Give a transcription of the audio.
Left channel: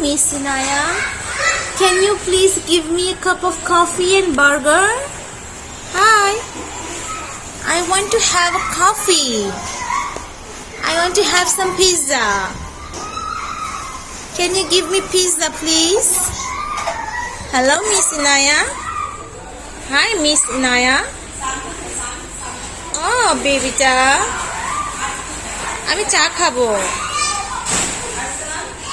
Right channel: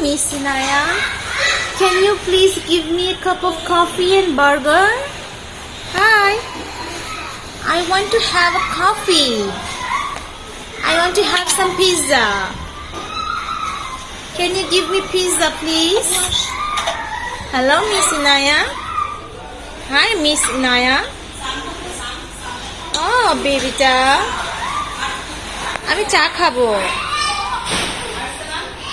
Miss Inaya. Can you please give me a cup of coffee and burger? Hi. I want to have a coffee. I want to have some pizza. Can you give me pizza, please? Hello, Miss Inaya. Hi, Miss Inaya. Oh, baby, আমি চা খাবো।